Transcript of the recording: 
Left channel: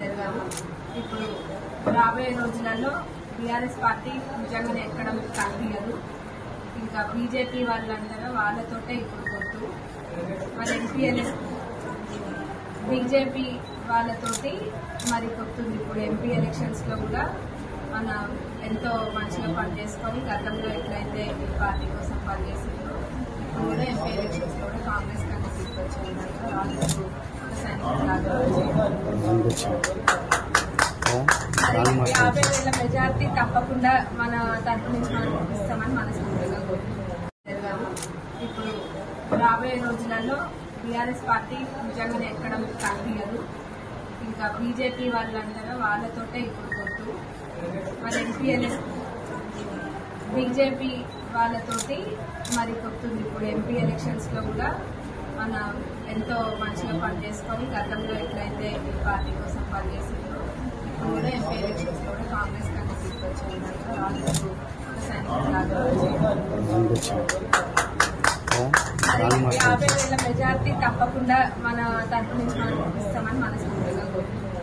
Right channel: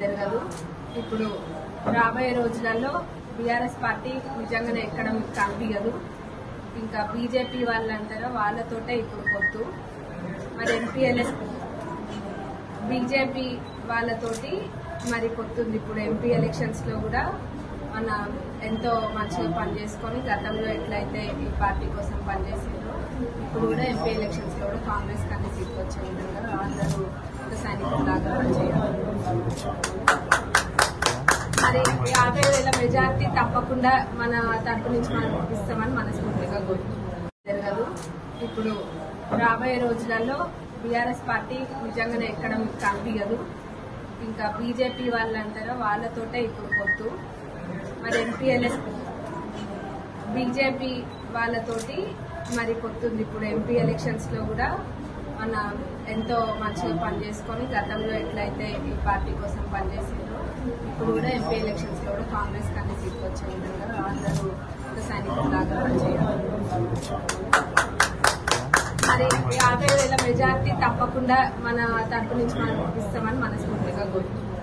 జరగదు. ఇప్పుడు రాబోయే రోజులలో బీఆర్ఎస్ పార్టీ నిజంగానే ఎక్కడం కనిపించదు. ఇంకా బీజేపీ వాళ్ళు అంటారా, వాళ్ళతోటే ఇప్పుడు పొత్తు. మరి ఎంపీఎల్ఎస్ బీజేపీ వాళ్ళతోటి మరి పొత్తుంది. ఇప్పుడు ఎంపీ ఎలక్షన్స్ లో కూడా మన ఎంతో మంచిగా పనిచేసుకొని గతంలో ఎట్లయితే ఈ పార్టీ కోసం పనిచేసిందో ఇప్పుడు కూడా ఎంపీ ఎలక్షన్స్ లో కూడా కాంగ్రెస్ కంటే సీట్లు వచ్చే విధంగా అందరూ ఒక సైనికులాగా చేయాలి. మరి 50,000 మెజార్టీ తప్పకుండా మన తరపు నుంచి మనం ఇస్తామని మనస్ఫూర్తిగా జరగదు. ఇప్పుడు రాబోయే రోజులలో బీఆర్ఎస్ పార్టీ నిజంగానే ఎక్కడం కనిపించదు. ఇంకా బీజేపీ వాళ్ళు అంటారా, వాళ్ళతోటే ఇప్పుడు పొత్తు. మరి ఎంపీఎల్ఎస్ బీజేపీ వాళ్ళతోటి మరి పొత్తుంది. ఇప్పుడు ఎంపీ ఎలక్షన్స్ లో కూడా మన ఎంతో మంచిగా పనిచేసుకొని గతంలో ఎట్లయితే ఈ పార్టీ కోసం పనిచేసిందో ఇప్పుడు కూడా ఎంపీ ఎలక్షన్స్ లో కూడా కాంగ్రెస్ కంటే సీట్లు వచ్చే విధంగా అందరూ ఒక సైనికులాగా చేయాలి. మరి 50,000 మెజార్టీ తప్పకుండా మన తరపు నుంచి మనం ఇస్తామని మనస్ఫూర్తిగా కోరుకుంటున్నాం.